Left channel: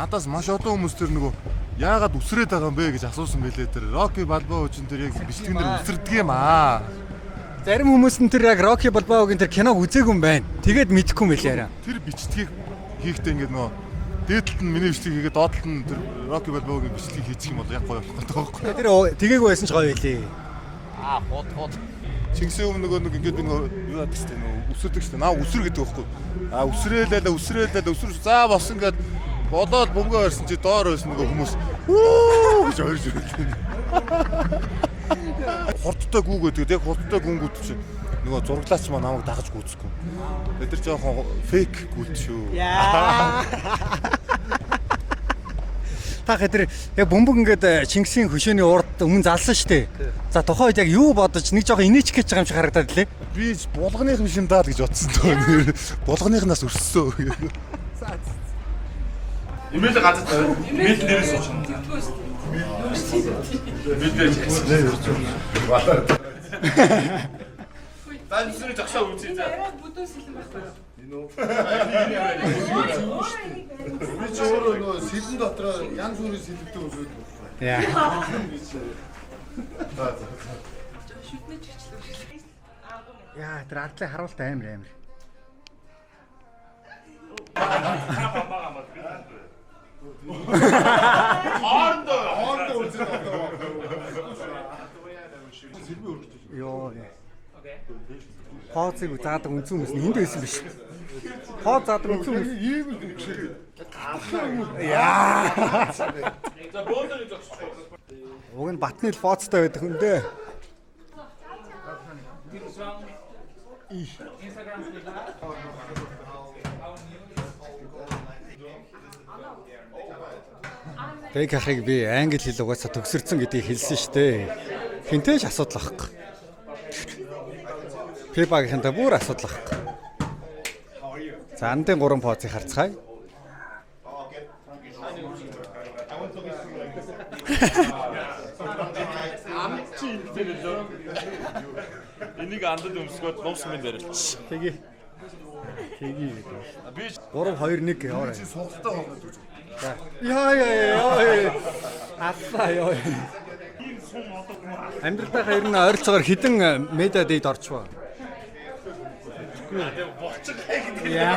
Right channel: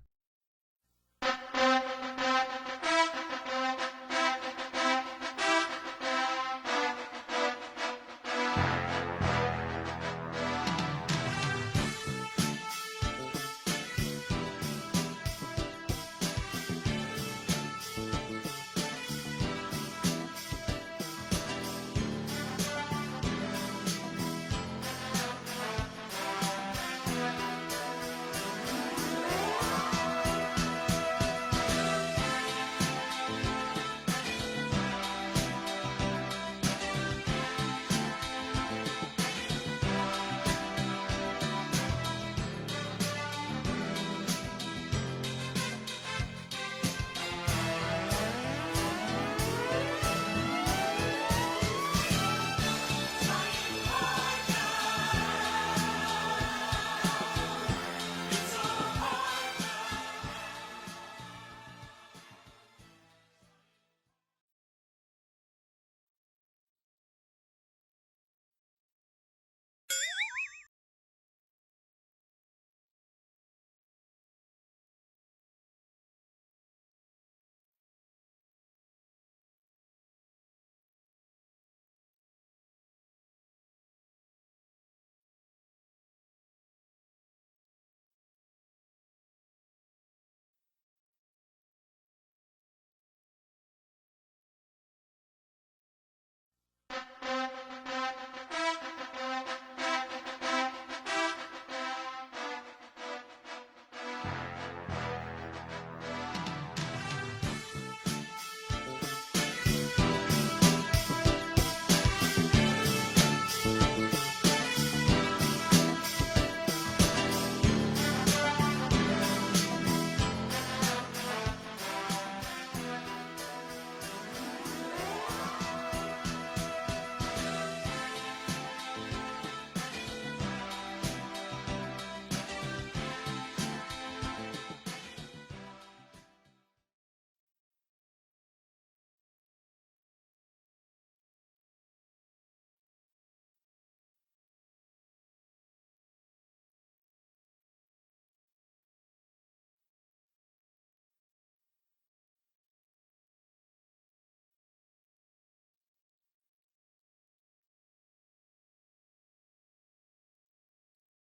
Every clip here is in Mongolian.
Надаас маш олон хүмүүс тэр нөгөө яагаад үсрээд байгаа юм бэ гэж асуусан байлээ тэр. Рокки Балбоо хүчин тэр яг бичлэгээр үсэрдэг юм аа. Зарим хүмүүс нь тэр яг Рокки Балбоогийн тэр киног үзээгүй юм байна. Тэгээд мэдэхгүй юм байлээ. Тэр бичлэгийг хийхдээ ингээд нөгөө дээдлэлт нь миний бичлэг хийгээд доотлолт нь тэр Рокки Балбоогийн бичлэг хийчих юм бол яг гоё болдог. Тэр тгээггүй байсан ч гоё байлээ. Бот. Чингисийн өмнө нэг ингээд нөгөө үсэрдэг шүү. Наа үсэр гэдэг байхгүй. Үсрээлээ за босон гэдэг бодоод бүгөө ирсэн чи доор ирсэн нөгөө хүмүүс. Гэж орж ирээд. Хурдтай гүгээд яг хурдтай гүнгүүд чи нөгөө зурглаач маа намайг дагалж гүйц. Өдөр жоохон фейк гүд шүү. Та хэдэр яг бөмбөг ингээд Чингисийн хөшөөний урд өмнө залсан шүү дээ. За тухайд яг юу бодож нэг жоохон инээч гэж байгаа юм шиг харагдаад лээ. Би булганы хөшин даа гэж бодсон тоо. Булганыхнаас өссөн. Имэйл газар тавь. Имэйл дээрээс очно. Бид дээрээс. Батар. Дан зүрх жагшаа үзье за. Би ч өөрөө нөгөө сэлэн дотроо янз бүрийн сэлбэтэй үзээд байна. Яа. Яа, тэр ардлын харуулт амар. Хоорондоо үзээд байна. Сэлбэ өргөж. Йоо. Хооцыг заадаг үнцэн хүмүүс энд байсан биш. Хоо заадаг үнцэн хүмүүс Ийм л үгшээ. яа. Уг нь батны л фооцтой байдаг юм лээ. Тэг ахыг би англи хэл угаасаа төгсөрсөн гэдгийг хэлсэн шүү дээ. Хинтээч асуудал ахгүй. Пепагийнхэнтэй бүр асуудал ахгүй. За андын 3 фооцыг харцгаая. Энийг андад өмсгөөд нуус минь барилч. Тэgi. Би 3-2-1 яваарай. Сонголттой байгаа гэж. Яа. Аллаа ёо. Амьдралдаа ер нь ойролцоогоор хідэн медиа дэйд орчвоо. Яа.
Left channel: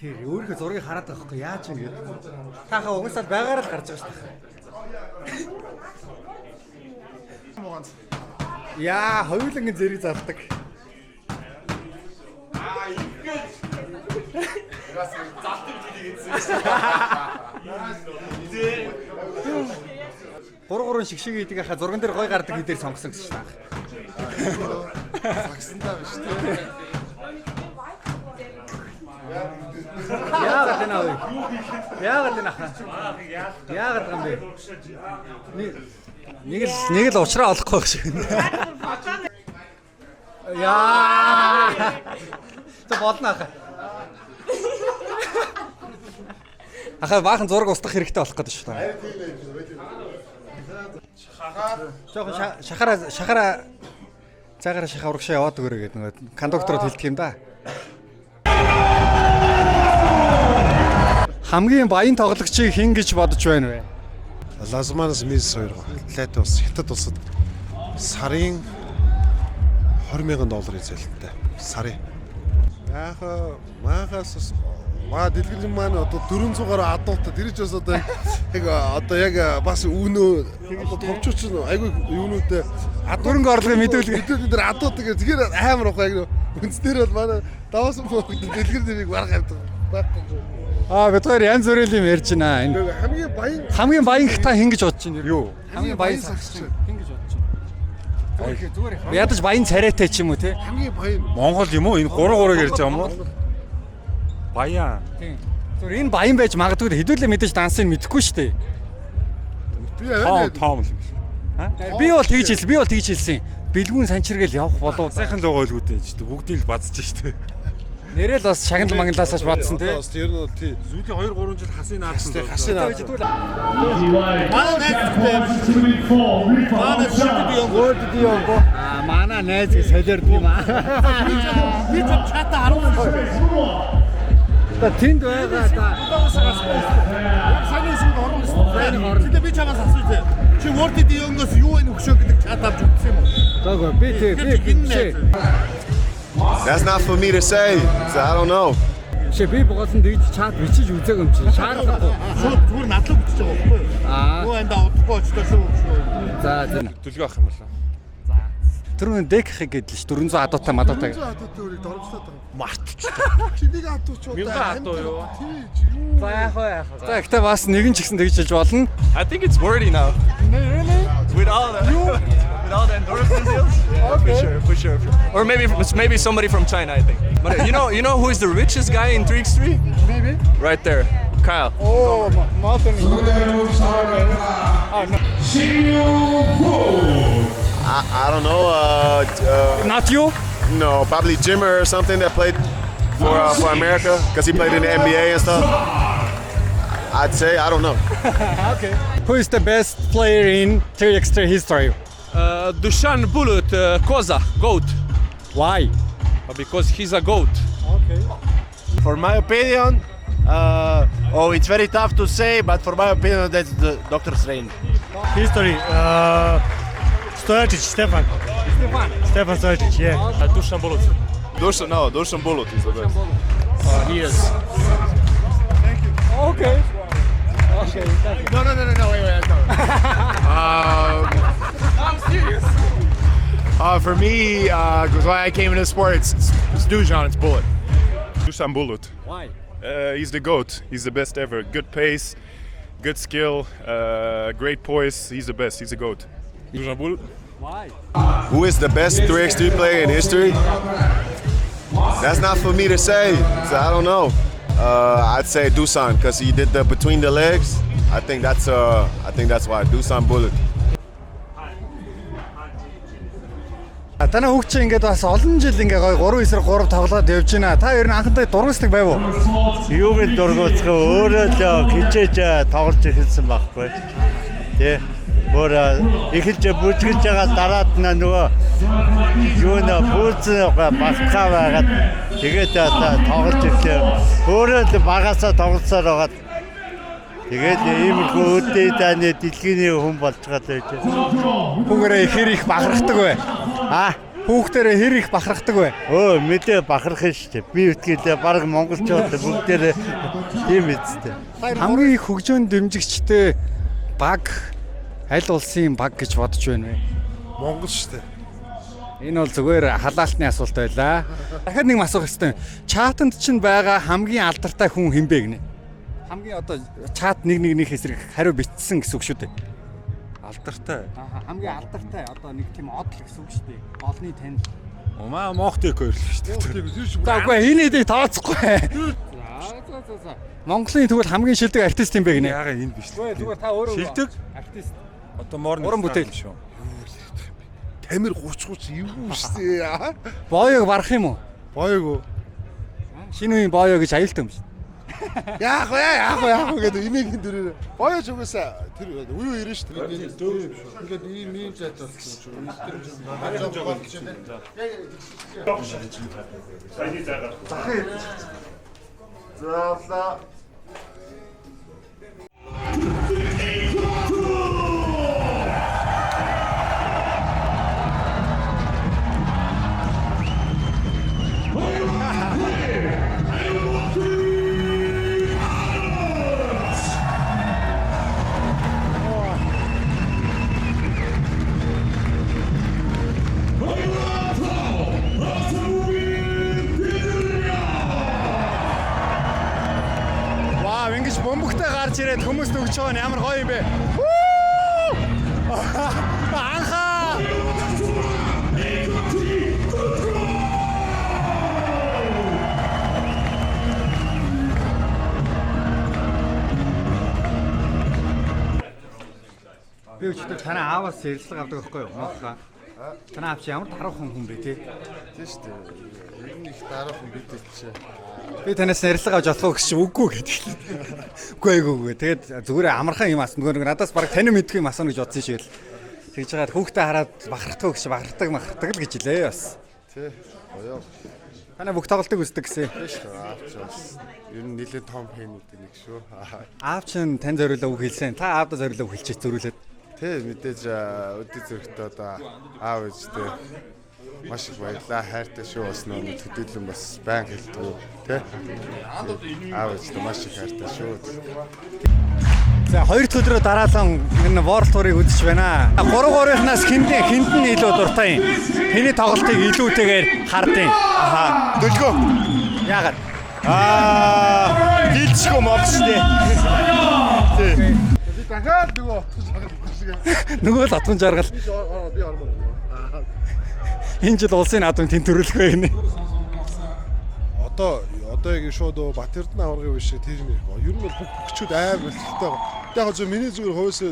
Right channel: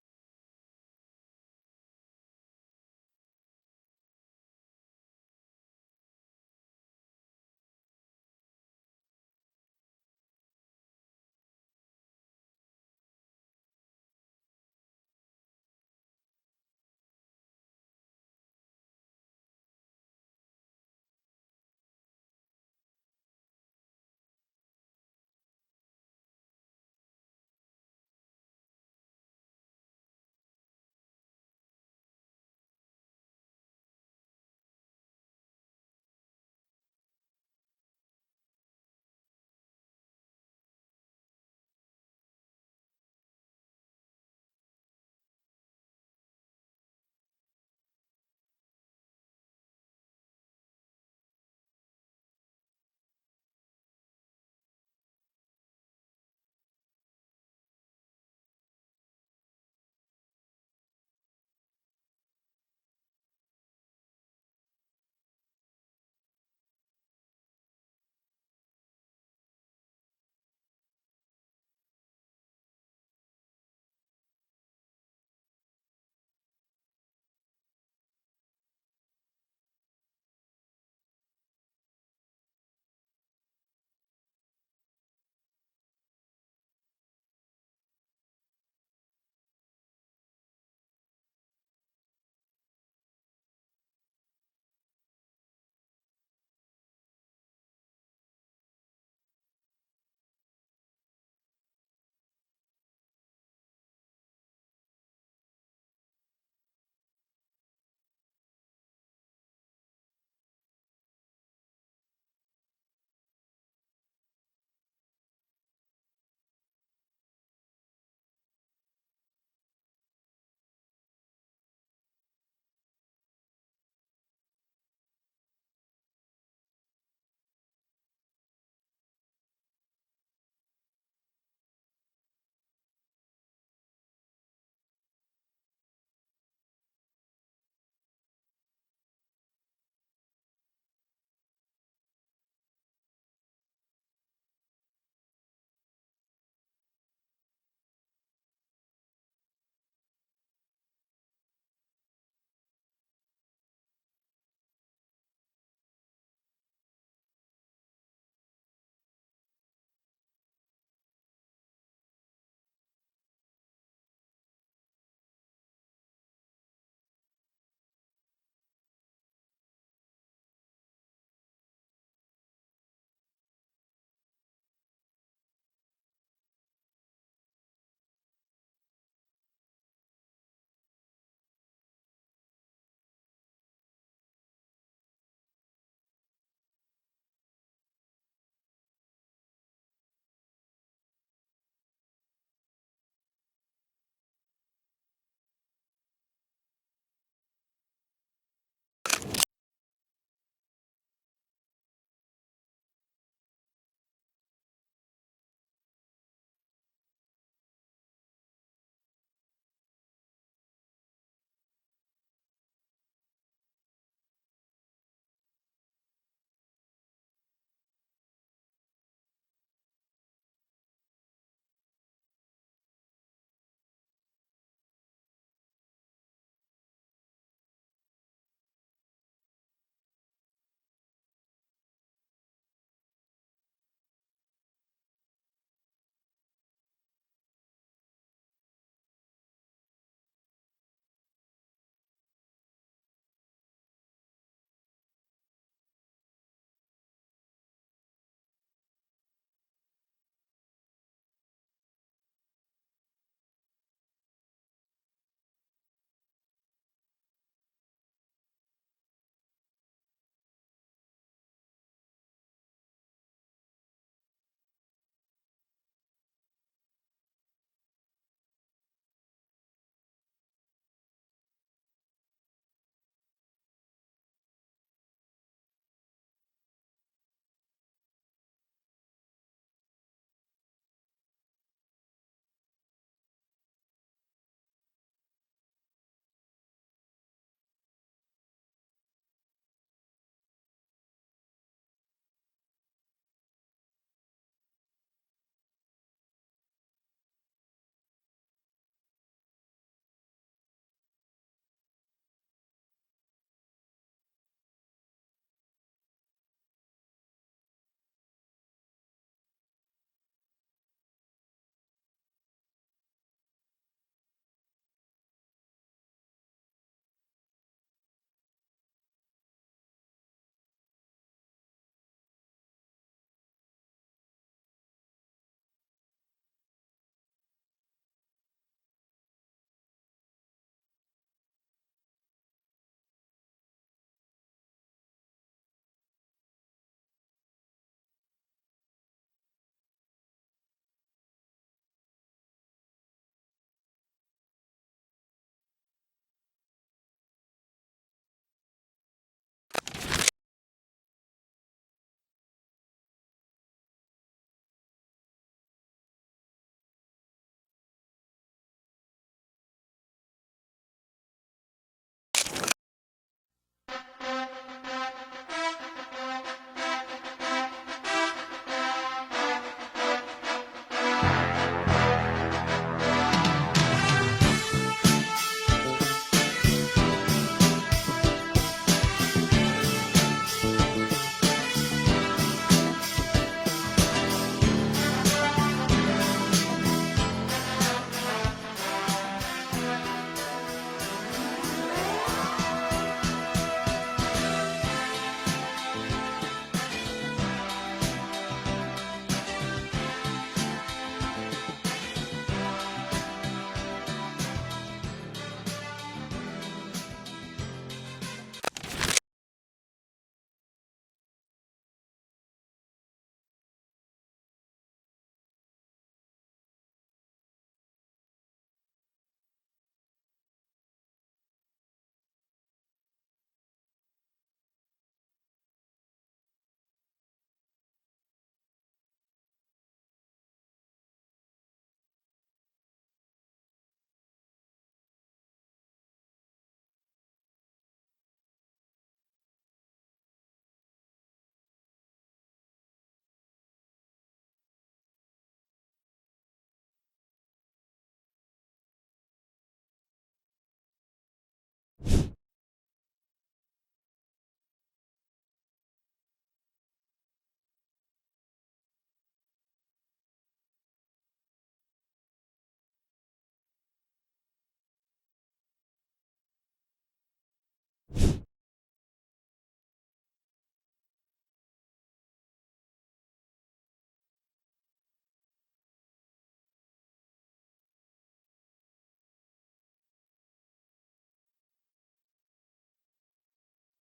Тэр өөрийнхөө зургийг хараад байгаа хгүй яаж юм гээд. Таахаа угсаад байгаараа л гарч байгаа шүү дээ. Яа, хоёулангийн зэрэг зардаг. Ингээд. Яас залтын хэлийг хэлсэн. 3 шигшиг хийдэг хаа зурган дээр гой гардаг хэдээр сонгосон гэсэн шүү дээ. Загсандаа биш үү? Яагаад энэ аа? Яагаад энэ аа? Яагаад юм бэ? Нэг л уучраа олохгүй байх шиг. Яа. Тэ болно ахаа. Ахаа баахан зураг устгах хэрэгтэй болох гэдэг шүү дээ. Жохон шахаараа цагаараа шахаа урагшаа яваад өгөөрэй гэдэг нэг кондуктород хэлдэг юм да. Хамгийн баян тоглогчийг хэн гэж бодож байна вэ? Лазманас Мис хоёр лайт ус хятад улсад сарын $20,000 зээлтэй. Сарын. Яг махаас дэлгэрэн маань одоо 400-аар адуултаа тэр ч бас одоо яг бас үнөө товчууч айгүй юунуудаа Хөрөнгө орлогын мэдүүлэг дээр адуултаа гэх тэгэхээр амар ахгүй яг үнснээр бол манай даваас мөн дэлгэр дэрийг барах явдаг байхгүй. Бид хоёр янз бүрийн юм ярьж байна. Хамгийн баян та хэн гэж бодож байна юу? Хамгийн баян сагч хэн гэж бодож байна? Зүгээр ядаж баян царайтай ч юм уу те? Хамгийн баян Монгол юм уу? Энэ 3-3 ярьж байгаа юм уу? Баян. Тийм. Зүгээр энэ баян байж магадгүй хэдүүлээ мэдээж дансыг мэдэхгүй шүү дээ. Том л юм. Би бол тэгж хэлсэн. Бэлгүүн санчиргээл явах болов. Сайхан л байгаа л үүдээ ч бүгдийг л базж штэ. Нэрэл бас шагнал мангалаасаач бодсон тий. Бас тэр нь бол тий. Сүүлийн 2-3 жил хасын наадсан. Хасын аа. Манай найз солиорд юм аа. Би ч чата 10. Та тэнд байгаа та. Саний сүд орно шүү. Тэгтээ би чамаас асууж. Чи Word Dion-гоос юу энэ өгшөө гэдэг чат авч үзсэн юм уу? Заагүй би тий. That's not for me to say. So I don't know. Би боолсон дэж чат бичиж үзээгүй юм чи. Шаардлагагүй. Шууд зүгээр надлаг бичиж байгаа байхгүй юу? Юу энэ удахгүй очтой шүү. За зэн. Төлгөө авах юм болоо. Түрүүн дек хэг гэдэл ш 400 адуутай мадуутай. Өөрийг дөрвөлтэй байгаа. Мартчихлаа. Чинийг адууч удаа. Мянга адуу юу? За яах вэ? За гэхдээ бас нэгэн ч гэсэн тэгж хэлж болно. I think it's wordy now. With all the endorsement deals. For sure. Or maybe somebody from China, I think. But you know who is the richest guy in 3x3? Maybe. Right there, Kyle. Oh, Martin. I don't know. Not you? No, probably Jimmer or something that played for America because he played in the NBA and stuff. I'd say I don't know. Okay. Who is the best player in 3x3 history? Dushan Bulut, Koza, GOAT. Why? Because he's a GOAT. Okay. For my opinion, it's very tough to say, but for my opinion, that's the Dr. Strange. History, Stojacic, Stefan Stojacic, yeah. Dushan Bulut. Dushan Bulut is the best. He is. Okay. No, wait. I'm serious. For me, because when I came into sports, it's Dusan, it's Bullet. Dusan Bulut. Why? He's the GOAT. He's the best ever. Good pace, good skill, great poise. He's the best. He's the GOAT. Dusan Bulut. Why? Who is the best 3x3 player in history? That's not for me to say. So I don't know. I'd say Dusan because he did the between the legs. I think that's why Dusan Bulut. Танай хүүхд чинь ингээд бас олон жил ингээ гоё 3-9-3 тоглоод явж байна. Та ер нь анхандаа дургуйсдаг байв уу? Юу гэж дургуутах вэ? Өөрөө л хичээж тоглож эхэлсэн байхгүй. Тэ. Өөр эхэлж бүжгэлж байгаа дараад нөгөө юу нэ пүүцэн басхаа байгаад тэгээд тоглож ирлээ. Өөрөө л багасаа тоглосоор байгаад тэгээд иймэрхүү өдөө таны дэлхийн хүн болж байгаа байж. Хүүгээрээ хэр их бахархдаг вэ? Хүүхдэрээ хэр их бахархдаг вэ? Мэдээ бахарх нь шүү дээ. Би үтгэлээ баг монголчууд бүгдээрээ тийм эцтэй. Хамгийн их хөгжөөнд дэмжигчтэй баг аль улсын баг гэж бодож байна вэ? Монгол шүү дээ. Энэ бол зүгээр халаалтны асуулт байлаа. Дахиад нэг асуух хэрэгтэй. Чатанд чинь байгаа хамгийн алдартай хүн хэн бэ гинэ? Хамгийн одоо чат нэг эсрэг хариу бичсэн гэсэн үг шүү дээ. Алдартай. Хамгийн алдартай одоо нэг тийм одл гэсэн үг шүү дээ. Олны тань. Умаа Мохтик хоёр л шүү дээ. За үгүй энэ дээг тооцохгүй. За. Монголын тэгвэл хамгийн шилдэг артист юм бэ гинэ? Яага энэ биш. Зүгээр та өөрөө шилдэг артист. Одоо морны уран бүтээл шүү. Тамир 30 юу шээ. Боёг барах юм уу? Боёг уу? Шинэ үеийн боёо гэж аюултай юм шүү. Яах вэ гэдэг имийн дөрөөр. Боёж угаасаа тэр уу ирэн шүү дээ. Ингээд ийм зайд болсон юм шүү. Заавла. Ингэж бомбогтой гарч ирээд хүмүүст өгч байгаа нь ямар гоё юм бэ? Анхаа! Би өчигдөр танай ааваас ярилцлага авдаг байхгүй юу? Танай аав чи ямар тарах хүн бэ те? Тийм шүү дээ. их дараахан бидэлчээ. Би танаас ярилцлага авч болох гэж үгүй гэдэг. Үгүй. Тэгээд зүгээр амархан юм асна. Нөгөө надаас баг тань мэдгүй юм асна гэж бодсон шиг л. Тэгж байгаа хүүхдээ хараад бахарддаг гэж бахардаг л гэж хэлээ бас. Тий. Гоёо. Танай бүх тоглолтыг үздэг гэсэн. Биш аавч. Ер нь нэлээд том фэнүүд нэг шүү. Аав чинь тань зориулаа үг хэлсэн. Та аавда зориулаа үг хэлчихээ зөрүүлээд. Тий мэдээж өдөө зөрөгтэй одоо аав ээжтэй маш их баярлаа. Хайртай шүү бас нөгөө төдийлөн бас байн хэлдэг тий. Аав ээжтэй маш их хайртай шүү. За хоёр дахь өдрөө дараалан энэ World Tour-ыг үзэж байна. 3-3-ынхнаас хэнд нь илүү дуртай юм. Тэний тоглолтыг илүүтэйгээр хардیں۔ Аха. Дөлгөө. Яагаад? Дилчгүй мовчтэй. Дахиад нөгөө Нөгөө л атган жаргал. би ормоо. Энэ жил улсын наадмын тэнцвэрлэх байна. Одоо яг шууд Бат Эрдэнэ аваргын биш тэр нэг. Ер нь бол бүх хүчүүд амар болтолтой байгаа. Яг зөв миний зүгээр хөөсөө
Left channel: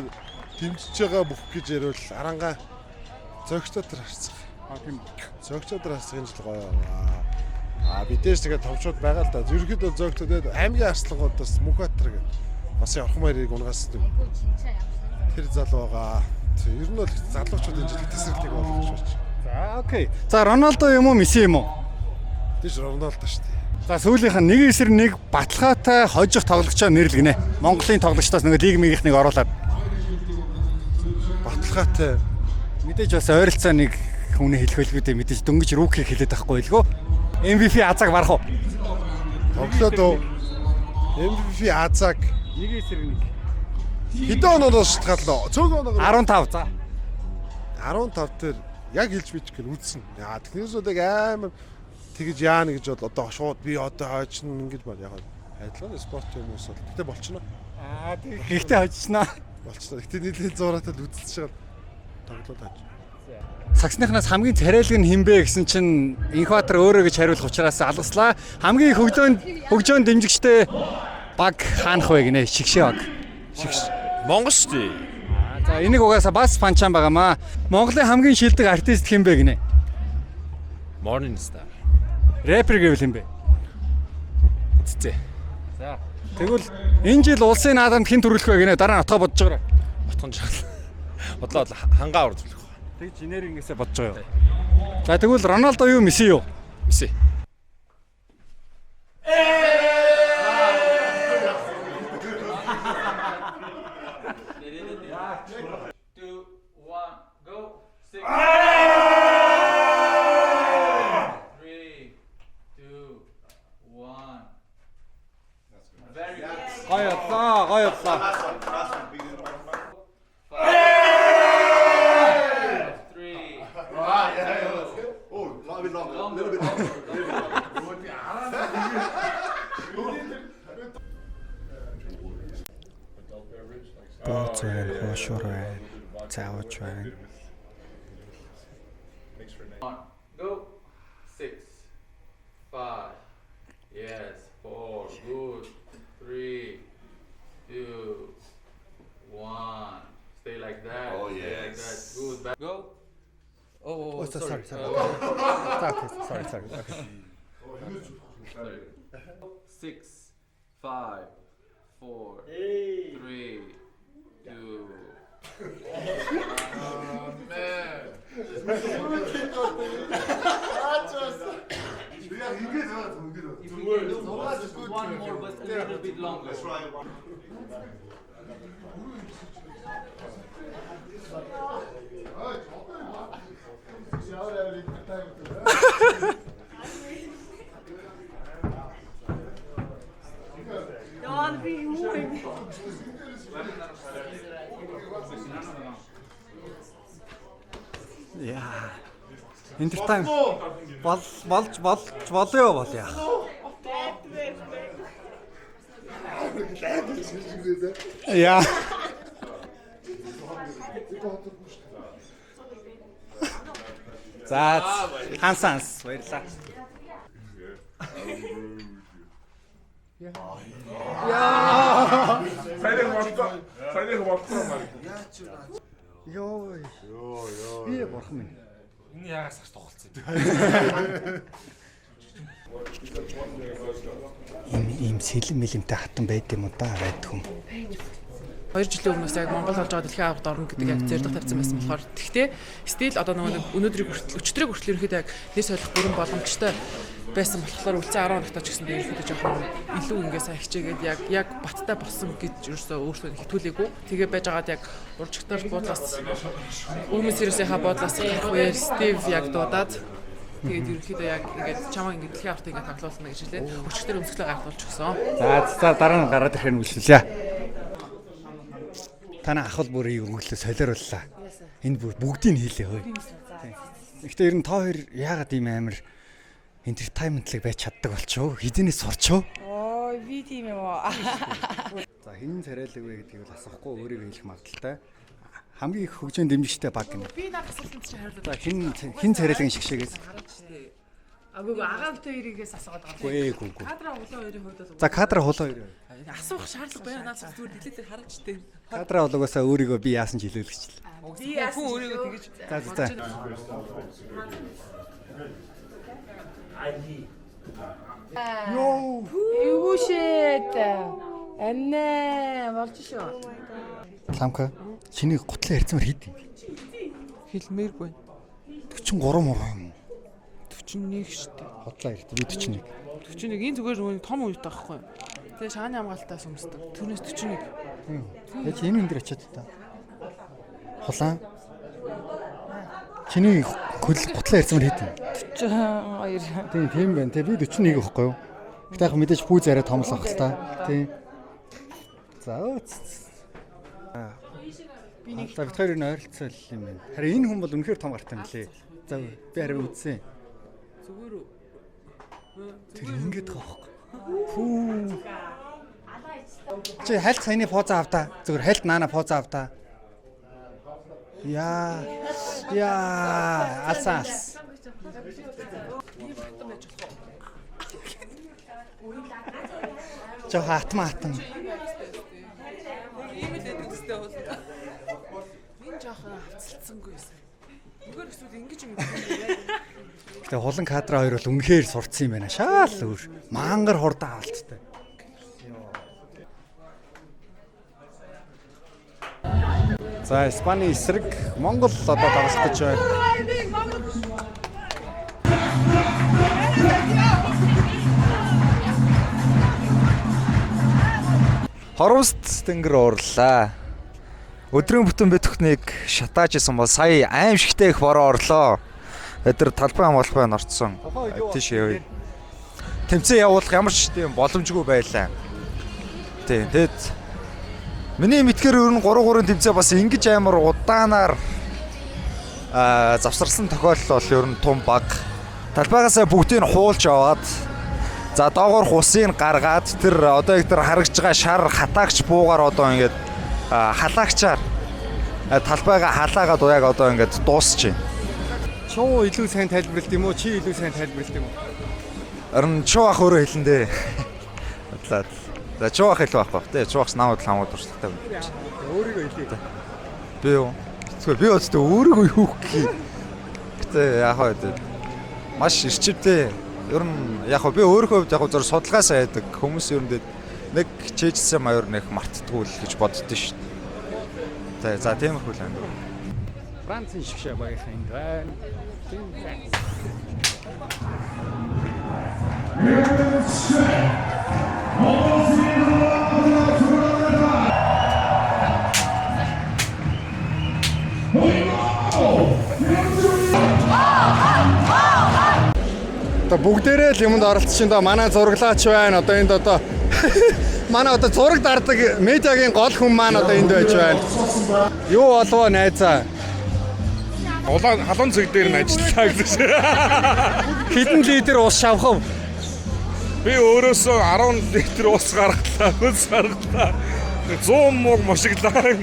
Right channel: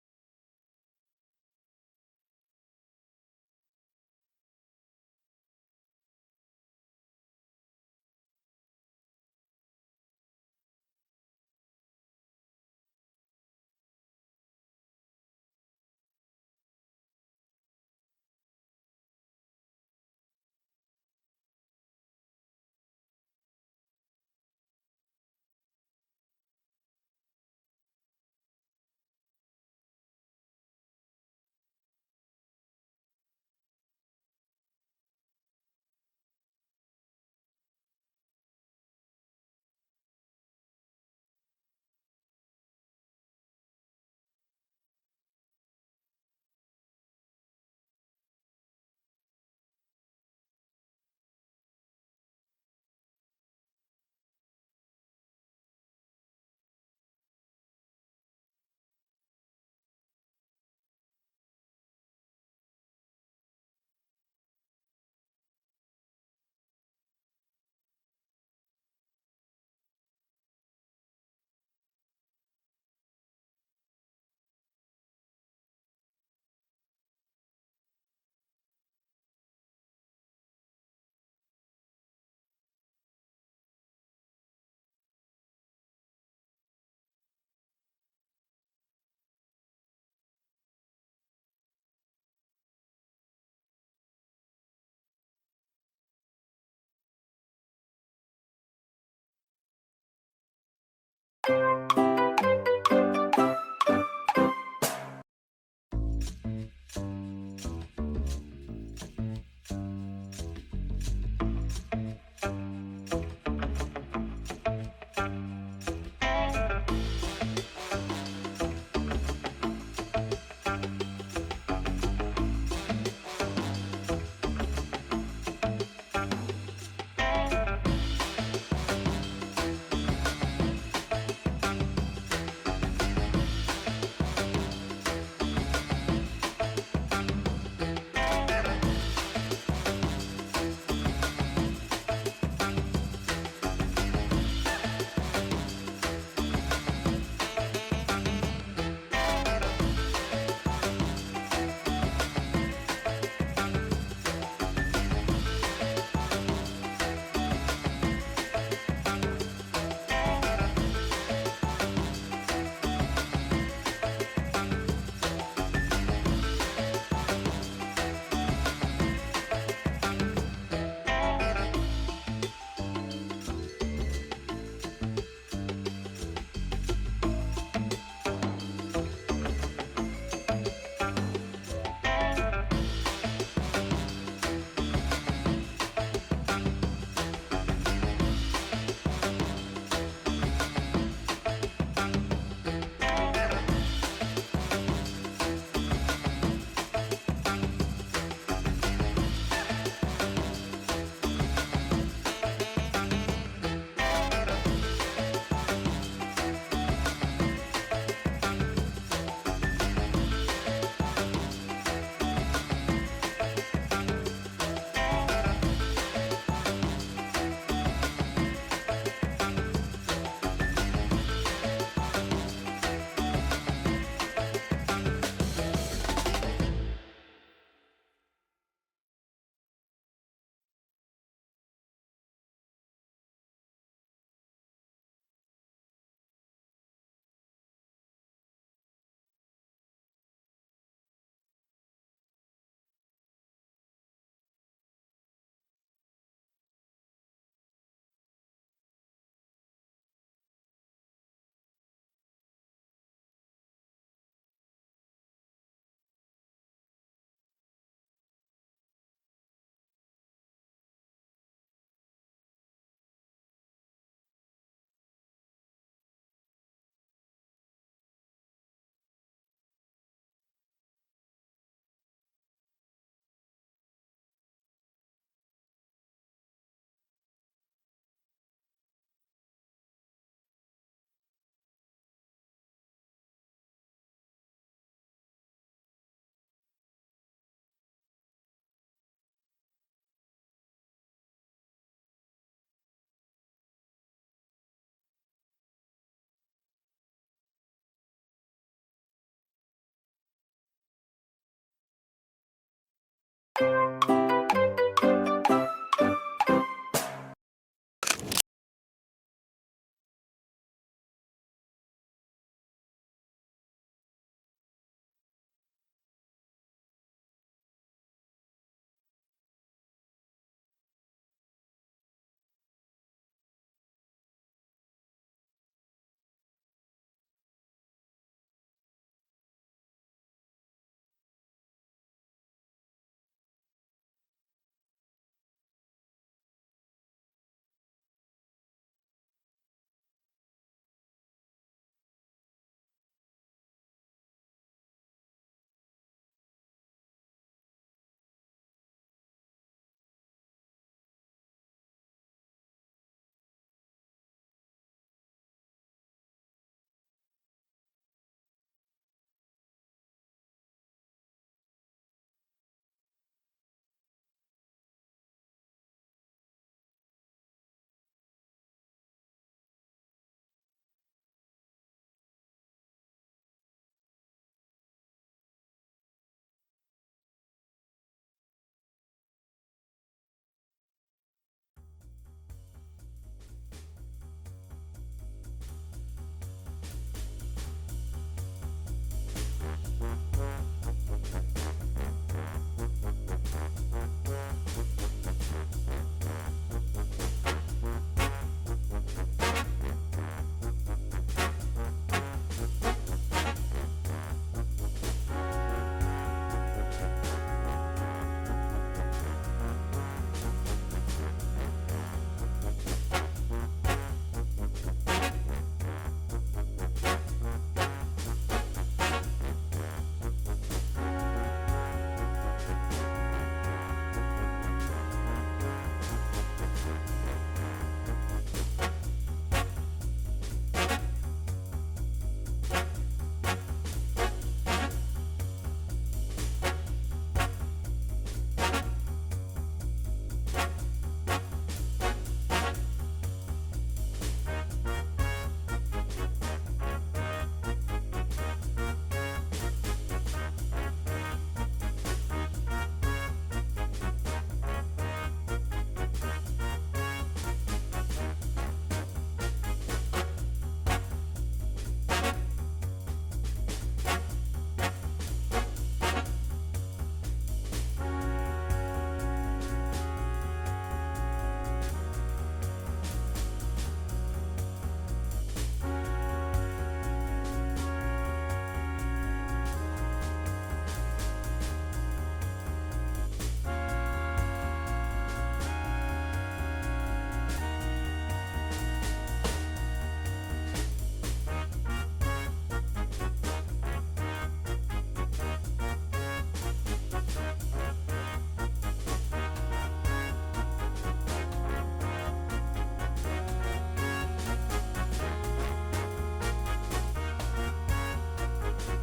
дэмжиж байгаа бүх гэж ярил арангаа зөгчдод харцах. Тийм. Зөгчдод харцах энэ жил гоё. Бидээс тэгээд товчууд байгаа л да. Ерөнхийдөө зөгчдөд аймгийн арслангуудаас Мөнхбаатар гэдэг бас явах мэрийг унгасдаг. Тэр залуу байгаа. Ер нь бол залуучууд энэ жил тесрэлтийг болгож байна. За окей. За Роналдо юм уу, Месси юм уу? Тийш Роналдо шүү дээ. За сүүлийнх нь нэг эсрэг нэг баталгаатай хожих тоглогчоо нэрлэгнэ. Монголын тоглогчдоос нэг лиг мигийнхнийг оруулаад. Баталгаатай. Мэдээж бас ойролцоо нэг хүний хэлхэлгүүдээ мэдээж дөнгөж рүүкийг хэлээд байхгүй лгөө. MVP азаг барах уу? Тоглоод уу. MVP азаг Нэг эсрэг нэг. хэдэн оноос шалтгааллаа? Цөөхөн оноо 15 за. 15 дээр яг хэлж бичих гэл үзсэн. Яа техниксүүдийг амар тэгж яана гэж бол одоо шууд би одоо хойчно ингэж бод яг адилхан спорт юм уус бол гэтээ болчихно. Тэг. Гэхдээ хожсноо. Болчихно. Гэтээ нийлээд зураатай үзчихэж байгаа тоглоод хаж. Саксныхнаас хамгийн царайлаг нь хинбэ гэсэн чинь Инхбаатар өөрөө гэж хариулах учраас алгаслаа. Хамгийн их хөгжөөн дэмжигчтэй баг хаанах вэ гинэ? Шигшээ баг. Монгол шүү дээ. За энийг угаасаа бас фанчаан байгаамаа. Монголын хамгийн шилдэг артист хинбэ гинэ? Morning Star. Рэпер гэвэл хинбэ? Цэцээ. За. Тэгвэл энэ жил улсын наадамд хэн төрүүлэх вэ гинэ? Дараа нь отгоо бодож байгаа. Утган жаал. Бодлоо хангаа урд төлөх. Тэг инженерингээсээ бодож байгаа юу? За тэгвэл Роналдо юу, Месси юу? Месси. Гоёлаа. Интертайм. Болоо. Яа. За хансанс. Би бурхан минь. Энэ ягаас гарч тоглолцсон. сэлэм мэлэмтэй хатан байд юм уу да байдаг юм. 2 жилийн өмнөөс яг Монгол олж байгаа дэлхийн авахд орно гэдэг яг зорилго тавьсан байсан болохоор тэгтээ стил одоо нөгөө өнөөдрийг хүртэл өчтөрийг хүртэл ерөөхдөө яг нэр солих бүрэн боломжтой байсан болохоор үлцэн 10 хоногтой ч гэсэн ерөөхдөө жоохон илүү ингээ сайн хичээгээд яг баттай болсон гэж ерөөсөө өөртөө хитүүлээгүй. Тэгээ байж байгаад яг уржигтар буудлаас өмнөс ерөөсийнхаа буудлаас хавьяар Стив яг дуудаад тэгээд ерөөхдөө яг ингээд чамаа ингээд дэлхийн авахд ингээд тоглоулна гэж хэлээ. Өчтөр өмсгөлөө гайхуулж өгсөн. За дараа нь гараад ирэхээр үлсэлээ. Танай ахвал бүрийг өглөө солиорлаа. Энд бүгдийг хийлээ хөөе. Гэхдээ ер нь та хоёр яагаад ийм амар entertainment-лэг байж чаддаг болчихоо? Хэдийнээс сурчоо? Би тийм юм уу? За хин царайлаг вэ гэдгийг бол асахгүй өөрийгөө хэлэх магадaltaй. Хамгийн их хөгжөөнд дэмжигчтэй баг гэнэ. Би надад асуултанд чи хариулаад. За хин царайлагын шигшээгээс. Агуу агаавтай хоёрыгээс асуугаад байгаа. Үгүй. Кадра хулаа хоёрын хувьд бол. За кадра хулаа хоёр. Асуух шаардлага байна. Надад зүгээр дэлээ дээр хараач тээ. Кадра хулаагаасаа өөрийгөө би яасан ч хэлүүлчихлээ. Би яасан өөрийгөө тэгэж. За. Юу шээд. Аннаа болж шүү. Ламка чиний гутлаа ярьцмаар хийд. Хэлмээргүй. 43 муу юм. 41 шүү дээ. Худлаа ярьд. Би 41. 41 энэ зүгээр нөгөө том үед таахгүй. Тэгээ шааны хамгаалтаас өмсдөг. Түүнээс 41. Яг энэ энэ дээр очиад та. Хулаа. Чиний гутлаа ярьцмаар хийд. 42. Тийм байна. Тэ би 41 гэхгүй юу? Гэтэ яг мэдээж хүү зараа томлох хэл та. Тийм. За За бид хоёр энэ ойролцоо юм байна. Харин энэ хүн бол үнэхээр том гартай юм лээ. За би харин үзсэн. Зүгээр үү? Тэр ингэж байгаа байхгүй. Фүү. Чи хальт саяны поза авдаа. Зүгээр хальт наана поза авдаа. Яа. Алсаас. Жоо хатмаатан. Ийм л гэдэг үстэй бол. Минь жоохон хавцалцсангүй байсан. Зүгээр эсвэл ингэж юм. Гэтэ хулан кадра хоёр бол үнэхээр сурцсан юм байна. Шаал өөр. Мангар хурдан авалттай. За Испани эсрэг Монгол одоо тоглох гэж байна. Хорууст тэнгэр уурлаа. Өдрийн бүтэн битүүхнийг шатааж исэн бол сая аимшигтэй их бороо орлоо. Өдөр талбай хамгаалахгүй норцсон. Тийш явъя. Тэмцээн явуулах ямар ч тийм боломжгүй байлаа. Тийм. Тэгэд миний мэдхээр ер нь 3-3 тэмцээн бас ингэж амар удаанаар завсарсан тохиолдол бол ер нь том баг. Талбайгаасаа бүгдийг нь хуулж аваад за доогоор хусыг гаргаад тэр одоо их тэр харагч байгаа шар хатаагч буугаар одоо ингээд халаагчаар талбайгаа халаагаад уяг одоо ингээд дуусч байна. Чуу илүү сайн тайлбарлалт юм уу? Чи илүү сайн тайлбарлалт юм уу? Харин чуу ах өөрөө хэлэн дээ. За чуу ах илүү ах ба. Тэ чуу ахс намайг хамаад туршлагатай байна. Өөрийгөө хэлээ. Би юу? Зүгээр би өөртөө өөрийгөө юу гэх юм. Гэтэ яг хаа маш ирчивтэй. Ер нь яг би өөрийнхөө хувьд яг зур судалгаасаа яадаг хүмүүс ер нь нэг чийжсэн маяр нэг мартдаггүй л гэж боддөө шүү дээ. За тийм их үл. Францын шигшээ баярхан байна. Одоо бүгдээрээ л юмд оролцсон доо манай зураглаач байна. Одоо энд одоо манай одоо зураг дардаг медиагийн гол хүн маань одоо энд байж байна. Юу болов найзаа? Халуун цэг дээр нь ажиллаа гэж. Хэдэн литр ус шавхав? Би өөрөөсөө 10 литр ус гаргалаа, хөлс гаргалаа. 100 мууг мушиглаа.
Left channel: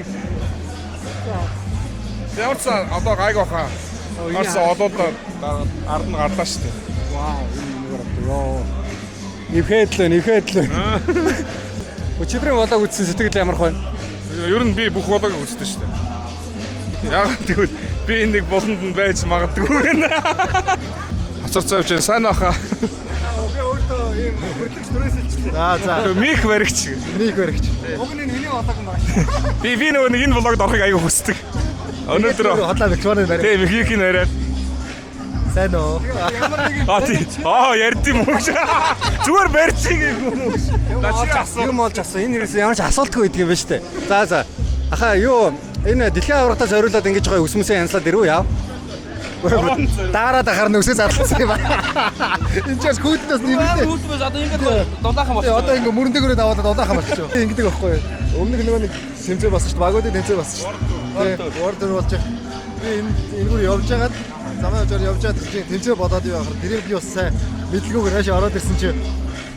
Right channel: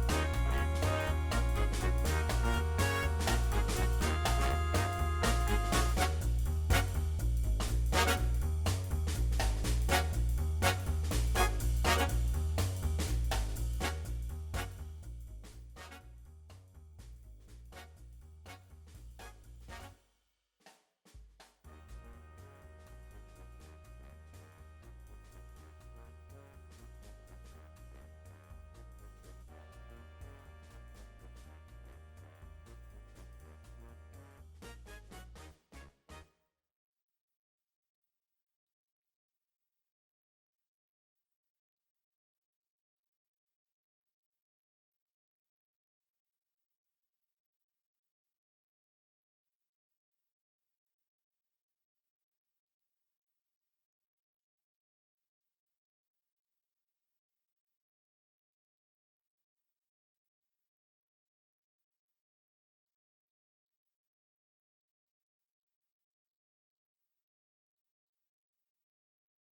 Явц одоо гайг баха. Арс одоод ард нь гарлаа шүү дээ. Вау. Нэхэдлээ. Өчигдрийн болоог үзсэн сэтгэл ямар байна? Ер нь би бүх болоог үзсэн шүү дээ. Яг тэгвэл би нэг болонд нь байж магадгүй байна. Хацар цавч сайн баха. Би өөр ийм хөдлөгч түрээсэлчлээ. За. Мих баригч. Нэг баригч. Уг нь миний болоог юм байна. Би нөгөө нэг энэ влогод орохыг аягүй хүсдэг. Өнөөдөр хотлоо микрофоныг барь. тийм михийг бариад. Сайн уу? Ярьд юм уу? Зүгээр барьчих юм. Юм болж асуу. Энэ хэрэгс ямар ч асуултгүй байдаг юм байна шүү дээ. За. Аха юу энэ дэлхийн аврагтаас зориулаад ингэж байгаа өсмөсөө янзлаад ирүү яав. Дараад харна өсөө задлсан юм байна. Энд ч күүднээс нэмэлт. Үүдмээс одоо ингээд дулаахан болчихсон. Одоо ингээ мөрөндөгөрөө даваад дулаахан болчихоо. Ингэдэг байхгүй юу? Өмнө нөгөө нэг тэмцээ болсон шүү дээ. Багуудын тэмцээ болсон шүү дээ. Ордер болж байгаа. Би энэгээр явж байгаад замаа явж байгаад тэмцээ бодоод явахаар тэрийг би бас сайн мэдлгүйгээр хаашаа ороод ирсэн чи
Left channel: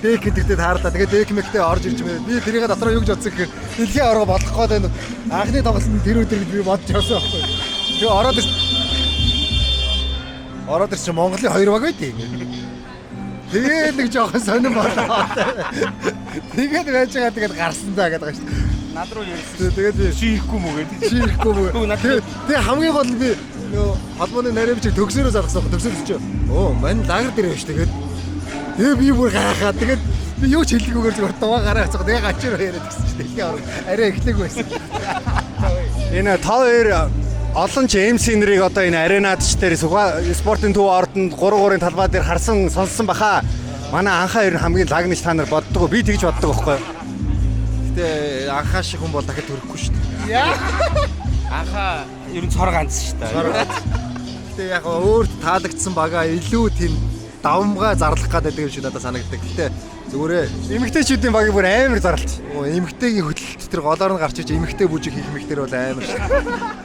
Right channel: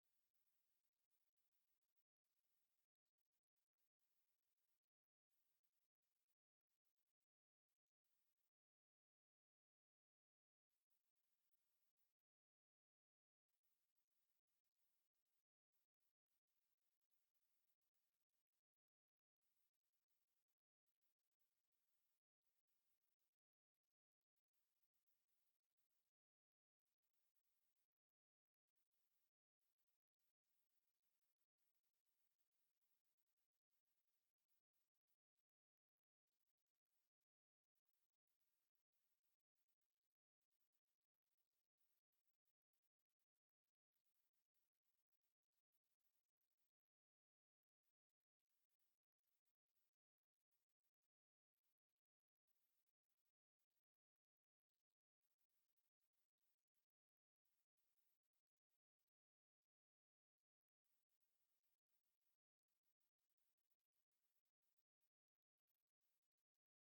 дэк гэдэгтэй таарлаа. Тэгээд дэк мэктэй орж ирж байна. Би тэрийг дотроо юу гэж бодсон гэхээр дэлхийн авраг болох гээд байна. Анхны тоглолтод тэр өдөр би бодож явсан байхгүй юу? Тэгээ ороод ирсэн Монголын 2 баг байдیں۔ Тэгээд нэг жоохон сонирн болоо. Тэгээд байж байгаа тэгээд гарсан даа гэдэг шүү дээ. Над руу ярьсан. Тэгээд Ширэхгүй мүү гэдэг. Ширэхгүй мүү. Тэгээд хамгийн гол би нөгөө холбооны нарийнч төгсөрөө заргасан. Төгсөрч чи. Оо, мань лагер дээр байж тэгээд. Тэгээд би бүр гайхаад тэгээд би юу ч хэллэггүйгээр зүгээр дуваа гараа хацгаа. Тэгээд гачаар яриад гисэн чи тэгээд арай эхлэх байсан. Энэ тав хоёр олон ч MC нарыг одоо энэ аренад ч дээр спортын төв ордонд 3-3-ын талбай дээр харсан сонссон баха. Манай анхаа ер нь хамгийн лагнич та нар боддог. Би тэгж боддог байхгүй юу? Гэтэ анхаа шиг хүн бол дахиад төрөхгүй шүү дээ. Анхаа ер нь цор ганц шүү дээ. Гэтэ яг өөрт таалагдсан бага илүү тийм давмгаа зарлах гэдэг юм шиг надад санагддаг. Гэтэ зүгээрээ эмэгтэйчүүдийн багийг бүр амар зарлж. Эмэгтэйгийн хөдөлт тэр голоор нь гарч иж эмэгтэй бүжиг хийх мэгтэр бол амар шүү.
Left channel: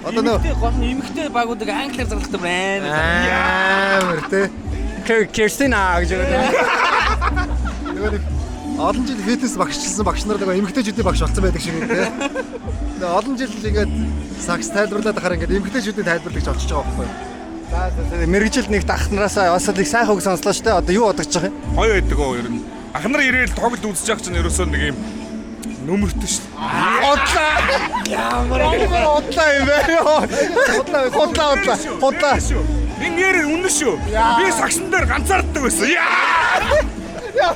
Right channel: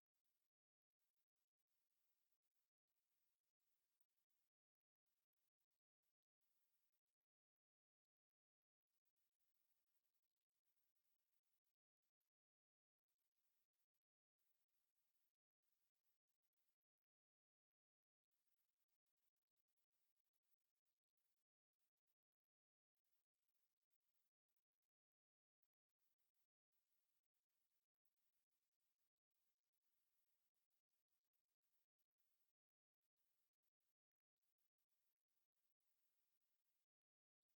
Одоо нөө гол нь эмэгтэй багуудыг англиар зарлахдаг амар тий. Кристина гэж байгаа. Нөгөө нэг олон жил фитнес багшилсан багш нар нөгөө эмэгтэйчүүдийн багш болсон байдаг шиг тий. Тэгээ олон жил ингээд сакс тайлбарлаад ахаар ингээд эмэгтэйчүүдийн тайлбарлагч олчиж байгаа байхгүй юу? За мэрэгжил нэг ахнараасаа бас их сайхан үг сонслоо шүү дээ. Одоо юу бодож байгаа юм? Гоё байдаг оо ер нь. Ахнар ирээл тоглолт үзэж явах чинь ерөөсөө нэг юм нөмөртэй шүү дээ. Удлаа. Ямар удлаа юм бэ? Удлаа. Ингээд үнэн шүү. Би сагсан дээр ганцаарддаг байсан. Яа!